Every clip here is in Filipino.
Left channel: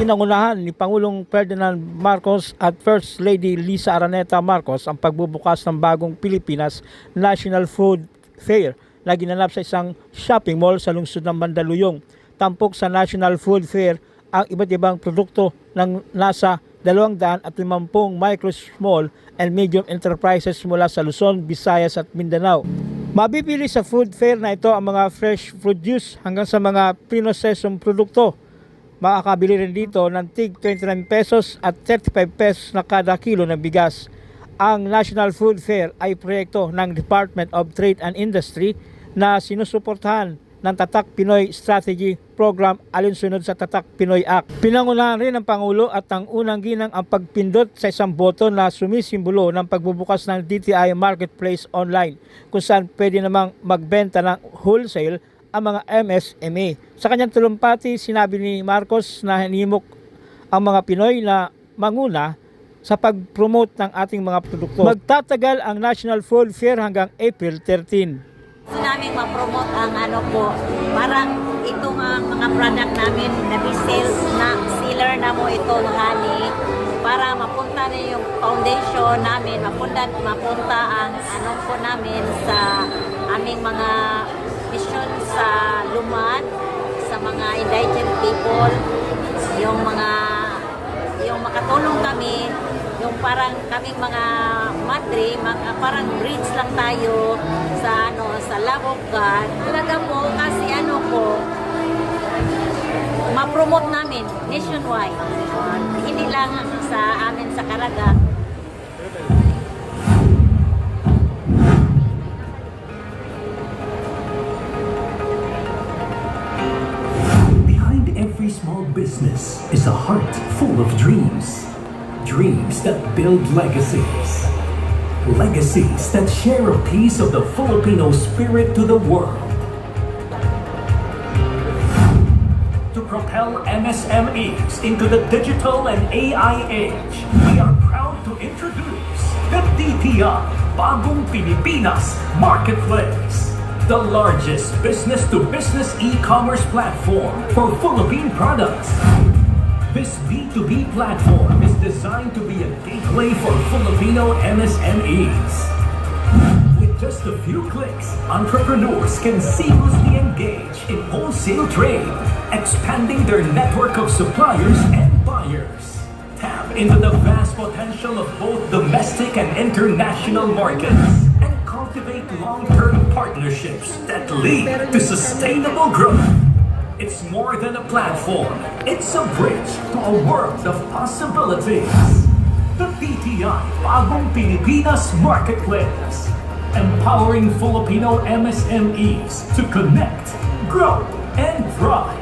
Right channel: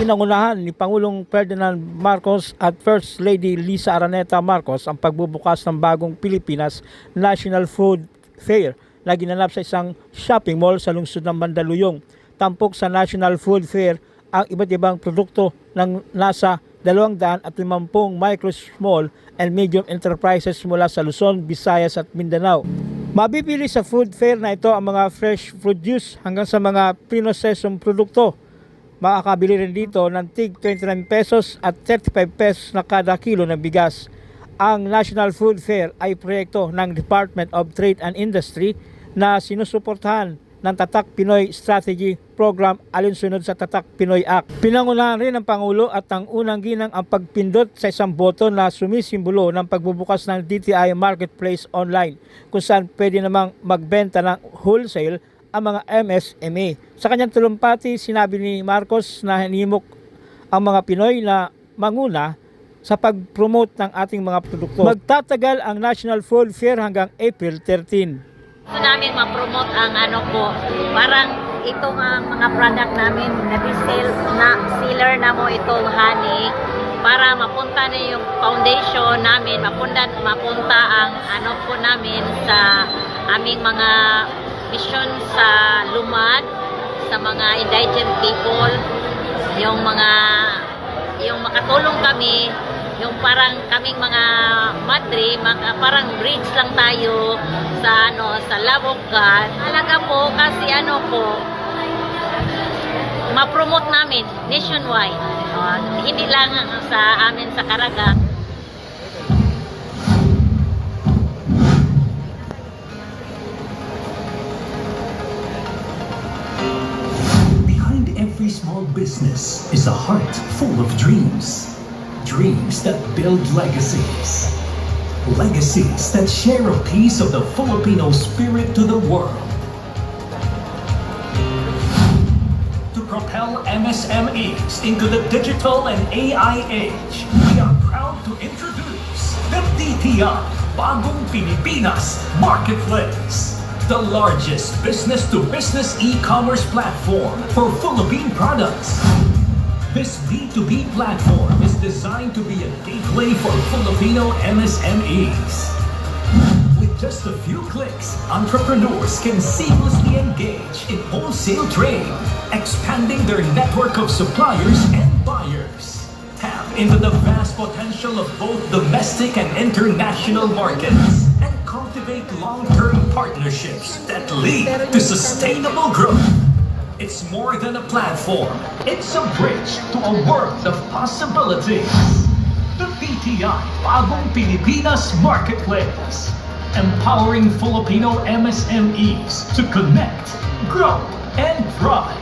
Pinangunahan ni Pangulong Ferdinand Marcos at First Lady Lisa Araneta Marcos ang pagbubukas ng bagong Pilipinas National Food Fair na ginanap sa isang shopping mall sa lungsod ng Mandaluyong. Tampok sa National Food Fair ang iba't ibang produkto ng nasa 250 micro, small and medium enterprises mula sa Luzon, Visayas at Mindanao. Mabibili sa food fair na ito ang mga fresh produce hanggang sa mga pinosesong produkto. Makakabili rin dito ng tig 29 pesos at 35 pesos na kada kilo ng bigas. Ang National Food Fair ay proyekto ng Department of Trade and Industry na sinusuportahan ng Tatak Pinoy Strategy Program alinsunod sa Tatak Pinoy Act. Pinangunahan rin ng Pangulo at ang unang ginang ang pagpindot sa isang boto na sumisimbolo ng pagbubukas ng DTI Marketplace online kung saan pwede namang magbenta ng wholesale ang mga MSME. Sa kanyang talumpati, sinabi ni Marcos na hinimok ang mga Pinoy na manguna sa pag-promote ng ating mga produkto. Magtatagal ang National Food Fair hanggang April 13. Gusto namin ma-promote ang parang itong ang mga product namin na seller na mo itong honey para mapunta na yung foundation namin, mapunta ang namin sa aming mga mission sa lumad, sa mga indigent people, yung makatulong kami, yung parang kaming mga madre, parang bridge lang tayo sa sa love of God. Talaga po kasi ma-promote namin nationwide. Hindi lang sa amin sa Caraga. Every small business is a heart full of dreams. Dreams that build legacies. Legacies that share a piece of the Filipino spirit to the world. To propel MSMEs into the digital and AI age, we are proud to introduce the DTI Bagong Pilipinas Marketplace, the largest business-to-business e-commerce platform for Philippine products. This B2B platform is designed to be a gateway for Filipino MSMEs. With just a few clicks, entrepreneurs can seamlessly engage in wholesale trade, expanding their network of suppliers and buyers. Tap into the vast potential of both domestic and international markets and cultivate long-term partnerships that lead to sustainable growth. It's more than a platform. It's a bridge to a world of possibilities. The BTI Bagong Pilipinas Marketplace, empowering Filipino MSMEs to connect, grow, and thrive.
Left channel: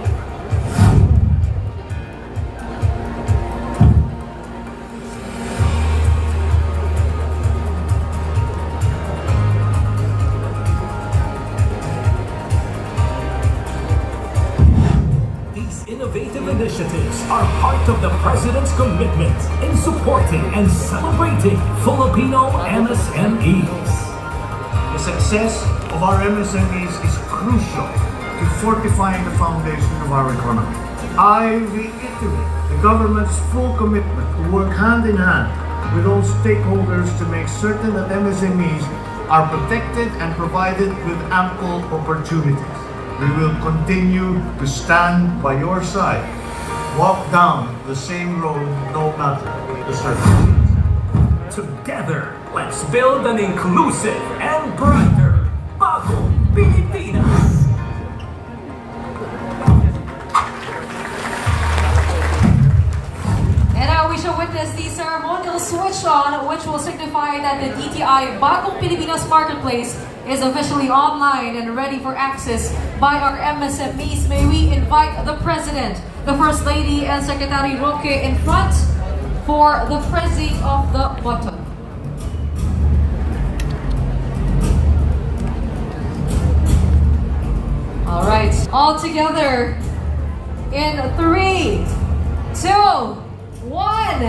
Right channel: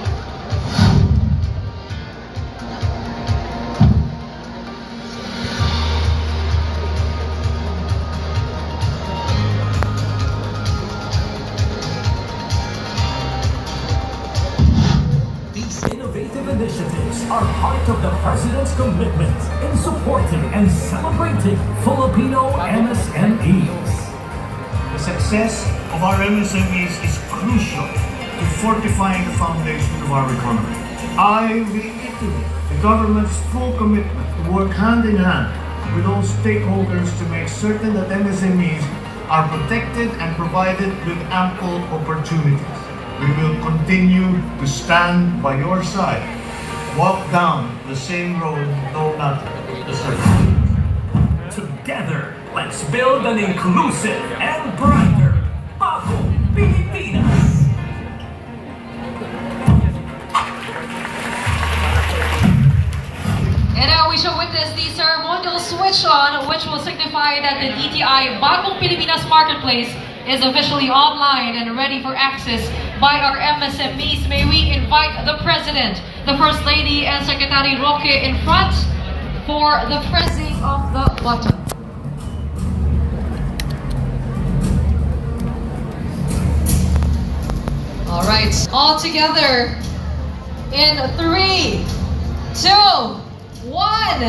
Initiatives are part of the President's commitment in supporting and celebrating Filipino MSMEs. The success of our MSMEs is crucial to fortifying the foundation of our economy. I reiterate the government's full commitment to work hand in hand with all stakeholders to make certain that MSMEs are protected and provided with ample opportunities. We will continue to stand by your side. Walk down the same road, no matter the circumstances. Together, let's build an inclusive and brighter Bagong Pilipinas. And now we shall witness the ceremonial switch on, which will signify that the DTI Bagong Pilipinas Marketplace is officially online and ready for access by our MSMEs. May we invite the President, the First Lady, and Secretary Roque in front for the pressing of the button. All right, all together in 3, 2, 1.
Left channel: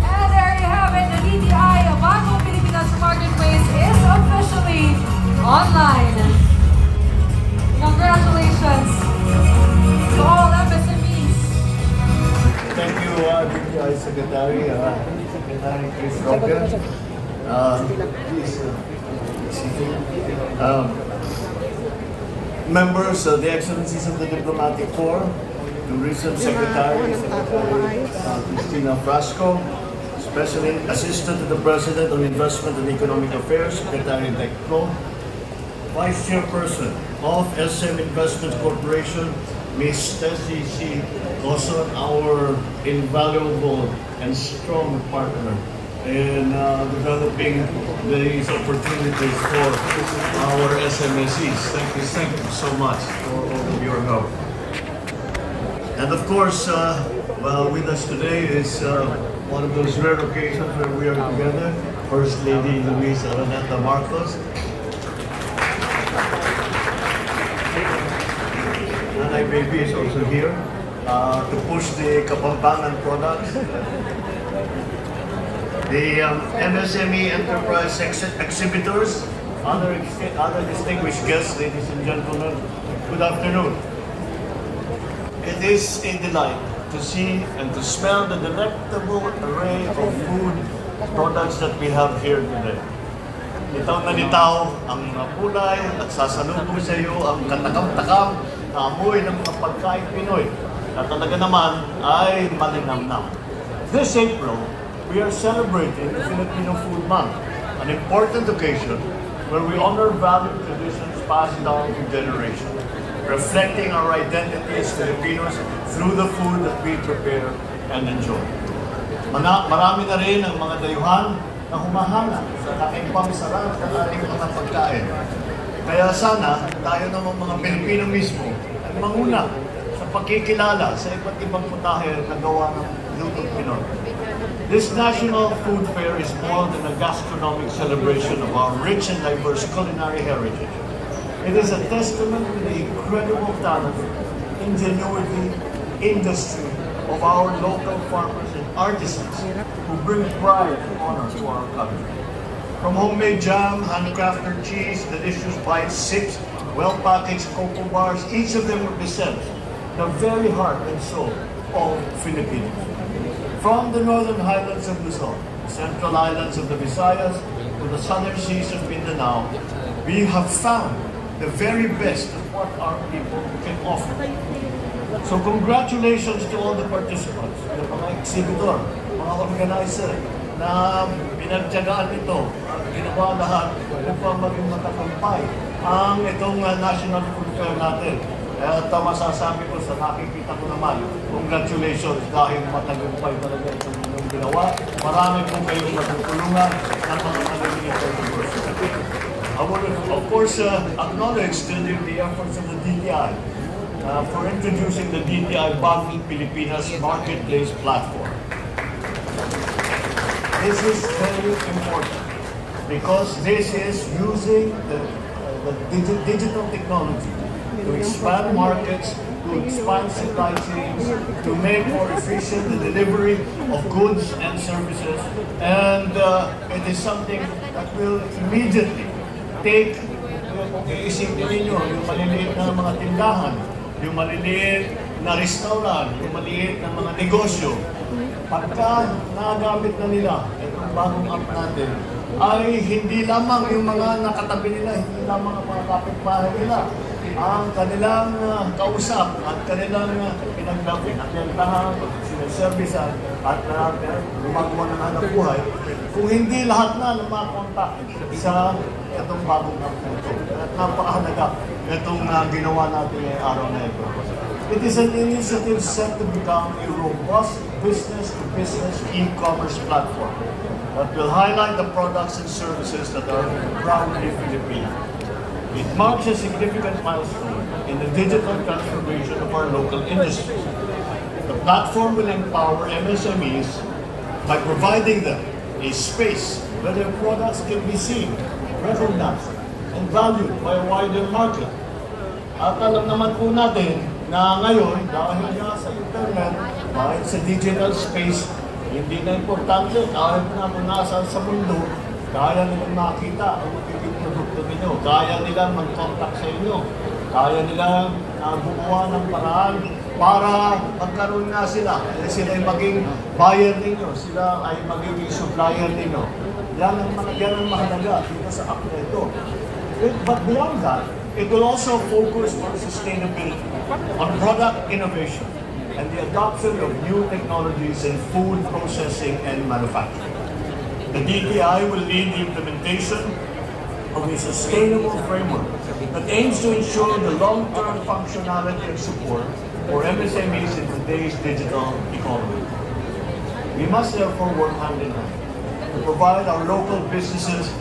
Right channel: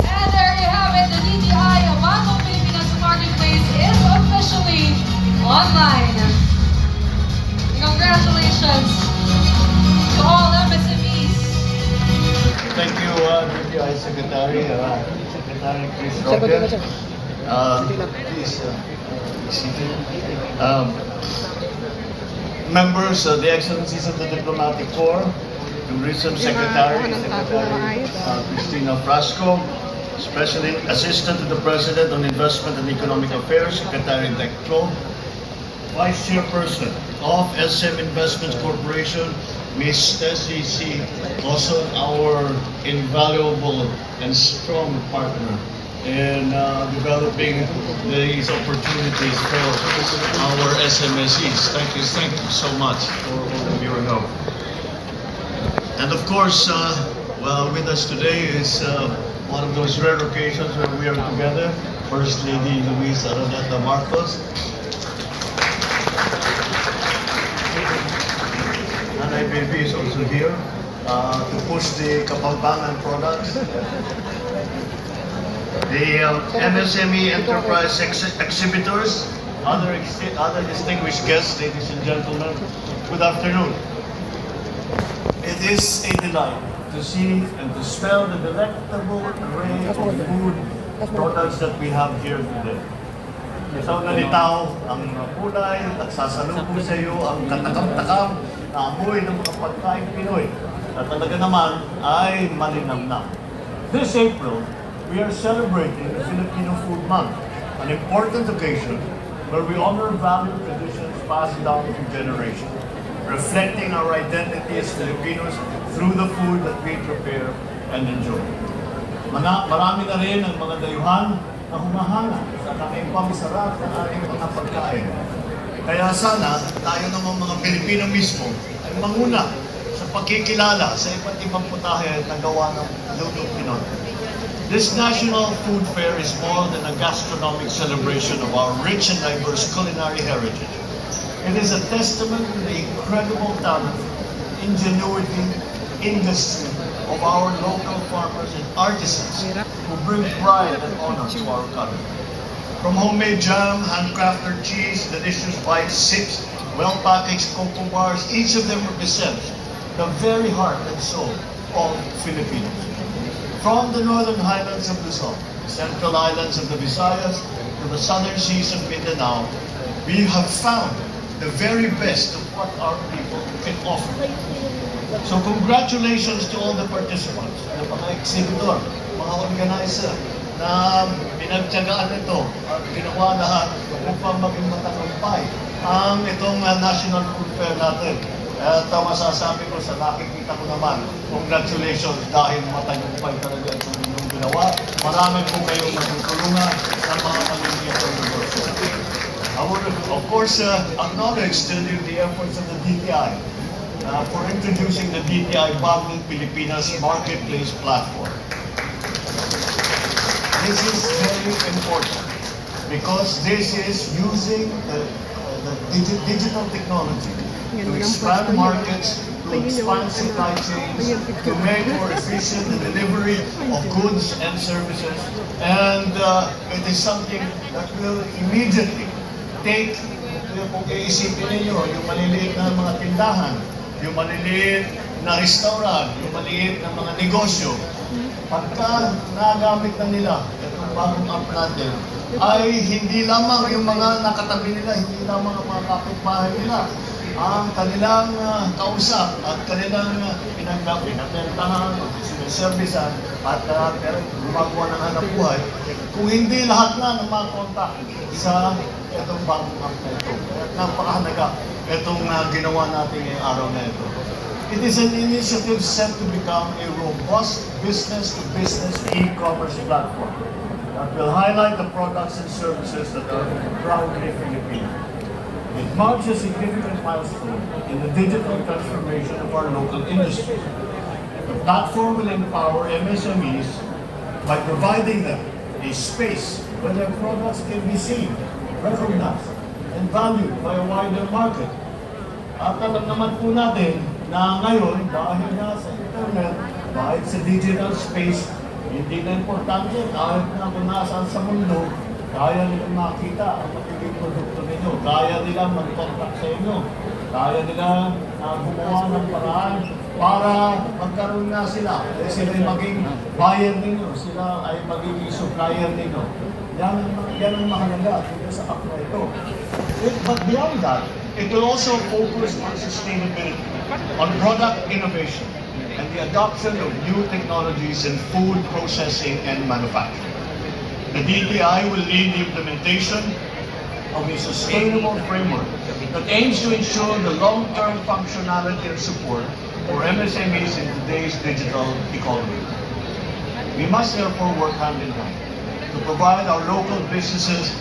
And there you have it, the DTI Bagong Pilipinas Marketplace is officially online. Congratulations to all MSMEs Secretary, Secretary Chris Roger. Please, seated. Members, the Excellencies of the Diplomatic Corps, Tourism Secretary, Cristina Frasco, Special Assistant to the President on Investment and Economic Affairs, Secretary Declo, Vice Chairperson of SM Investments Corporation, Ms. Tessie C. Also our invaluable and strong partner in developing these opportunities for our SMSEs. Thank you so much for all of your help. And of course, well, with us today is one of those rare occasions where we are together. First Lady Luis Araneta Marcos. Nanay Baby is also here to push the Kapampangan products. The MSME Enterprise exhibitors, other distinguished guests, ladies and gentlemen, good afternoon. It is a delight to see and to smell the delectable array of food products that we have here today. Litaw na litaw ang kulay at sasalubong sa iyo ang katakam-takam na amoy ng mga pagkain Pinoy na talaga naman ay malinamnam. This April, we are celebrating the Filipino Food Month, an important occasion where we honor valued traditions passed down to generations, reflecting our identity as Filipinos through the food that we prepare and enjoy. Marami na rin ang mga dayuhan na humahanga sa ating pamisarap ng ating mga pagkain. Kaya sana tayo naman mga Pilipino mismo ay manguna sa pagkikilala sa iba't ibang putahe na gawa ng lutong Pinoy. This National Food Fair is more than a gastronomic celebration of our rich and diverse culinary heritage. It is a testament to the incredible talent, ingenuity, industry of our local farmers and artisans who bring pride and honor to our country. From homemade jam, handcrafted cheese, delicious bites, sips, well-packaged cocoa bars, each of them represents the very heart and soul of Filipinos. From the northern highlands of Luzon, the central islands of the Visayas, to the southern seas of Mindanao, we have found the very best of what our people can offer. So congratulations to all the participants, the mga exhibitor, mga organizer, na pinagtyagaan ito at ginawa lahat upang maging matagumpay ang itong National Food Fair natin. At masasabi ko sa nakikita ko naman, congratulations dahil matagumpay talaga itong inyong ginawa. Marami po kayong matutulungan ng mga kalimitan ng negosyo. I want to, of course, acknowledge the efforts of the DTI for introducing the DTI Bagong Pilipinas Marketplace platform. This is very important because this is using the digital technology to expand markets, to expand supply chains, to make more efficient the delivery of goods and services, and it is something that will immediately take, kung iisipin ninyo, yung maliliit na mga tindahan, yung maliliit na restaurant, yung maliliit na mga negosyo, pagka nagamit na nila itong bagong app natin, ay hindi lamang yung mga nakatabi nila, hindi lamang ang mga kapitbahay nila, ang kanilang kausap at kanilang pinagdahan, sinaservisan at gumagawa ng hanap buhay, kung hindi lahat na makontak sa itong bagong app na ito. At napakahalaga itong ginawa natin ngayong araw na ito. It is an initiative set to become a robust business-to-business e-commerce platform that will highlight the products and services that are proudly Filipino. It marks a significant milestone in the digital transformation of our local industries. The platform will empower MSMEs by providing them a space where their products can be seen, recognized, and valued by a wider market. At alam naman po natin na ngayon, dahil nga sa internet, dahil sa digital space, hindi na importante kahit na kung nasaan sa mundo, kaya nilang makita ang magiging produkto ninyo, kaya nilang mag-contact sa inyo. Kaya nila gumawa ng paraan para magkaroon nga sila. Sila ay maging buyer ninyo, sila ay magiging supplier ninyo. Yan ang mahalaga dito sa ako ito. But beyond that, it will also focus on sustainability, on product innovation, and the adoption of new technologies in food processing and manufacturing. The DTI will lead the implementation of a sustainable framework that aims to ensure the long-term functionality and support for MSMEs in today's digital economy. We must therefore work hand in hand to provide our local businesses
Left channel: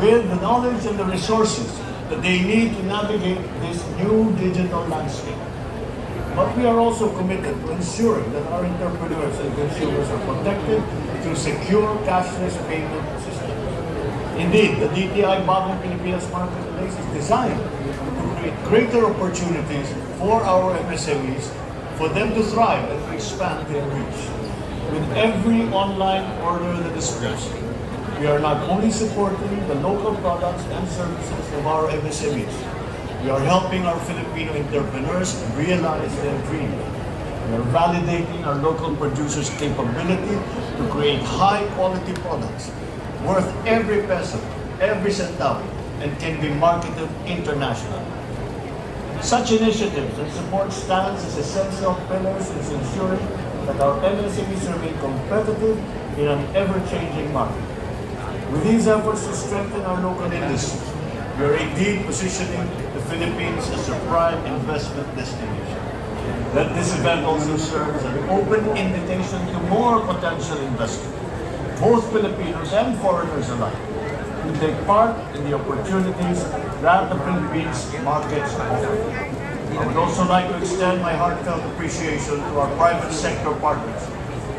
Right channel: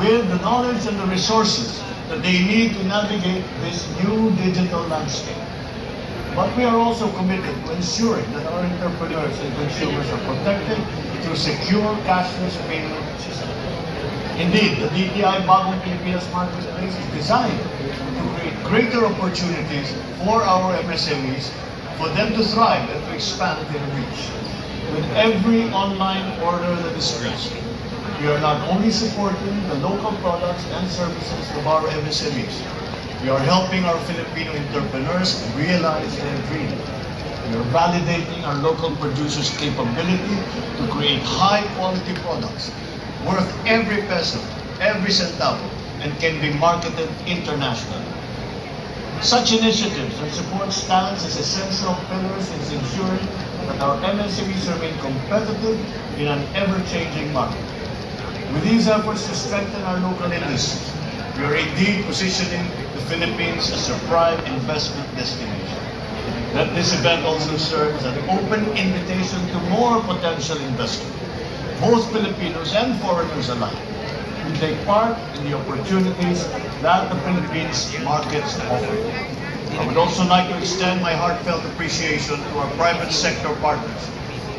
with the knowledge and the resources that they need to navigate this new digital landscape. But we are also committed to ensuring that our entrepreneurs and consumers are protected through secure cashless payment systems. Indeed, the DTI Bagong Pilipinas Marketplace is designed to create greater opportunities for our MSMEs, for them to thrive and to expand their reach. With every online order that is placed, we are not only supporting the local products and services of our MSMEs, we are helping our Filipino entrepreneurs realize their dreams. We are validating our local producers' capability to create high-quality products worth every peso, every centavo, and can be marketed internationally. Such initiatives and support stands as essential pillars in ensuring that our MSMEs remain competitive in an ever-changing market. With these efforts to strengthen our local industries, we are indeed positioning the Philippines as a prime investment destination. Let this event also serve as an open invitation to more potential investors, both Filipinos and foreigners alike, to take part in the opportunities that the Philippines markets offer. I would also like to extend my heartfelt appreciation to our private sector partners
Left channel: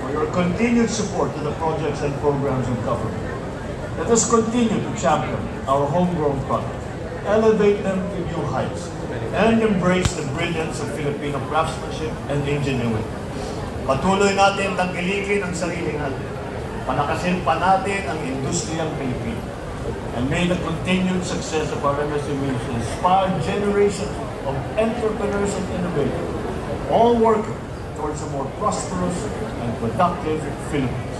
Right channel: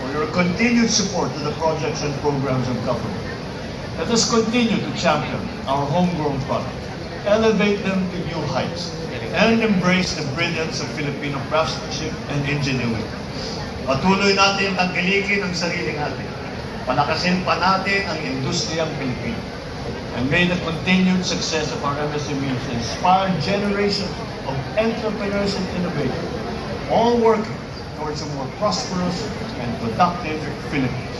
for your continued support to the projects and programs of government. Let us continue to champion our homegrown products, elevate them to new heights, and embrace the brilliance of Filipino craftsmanship and ingenuity. Patuloy natin tangkilikin ang sarili natin. Palakasin pa natin ang industriyang Pilipino. And may the continued success of our MSMEs inspire generations of entrepreneurs and innovators, all working towards a more prosperous and productive Philippines.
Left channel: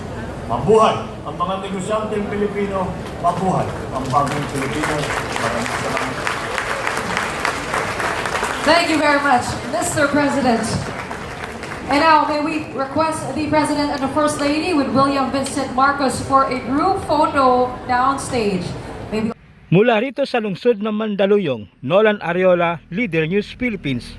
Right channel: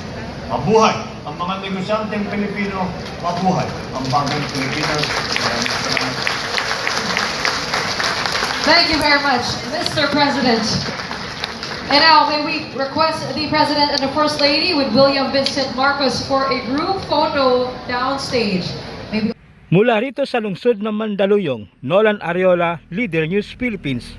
Mabuhay ang mga negosyanteng Pilipino, mabuhay ang bagong Pilipinas. Maraming salamat. Thank you very much, Mr. President. And now, may we request the President and the First Lady with William Vincent Marcos for a group photo downstage. May we Mula rito sa lungsod ng Mandaluyong, Nolan Ariola, Leader News Philippines.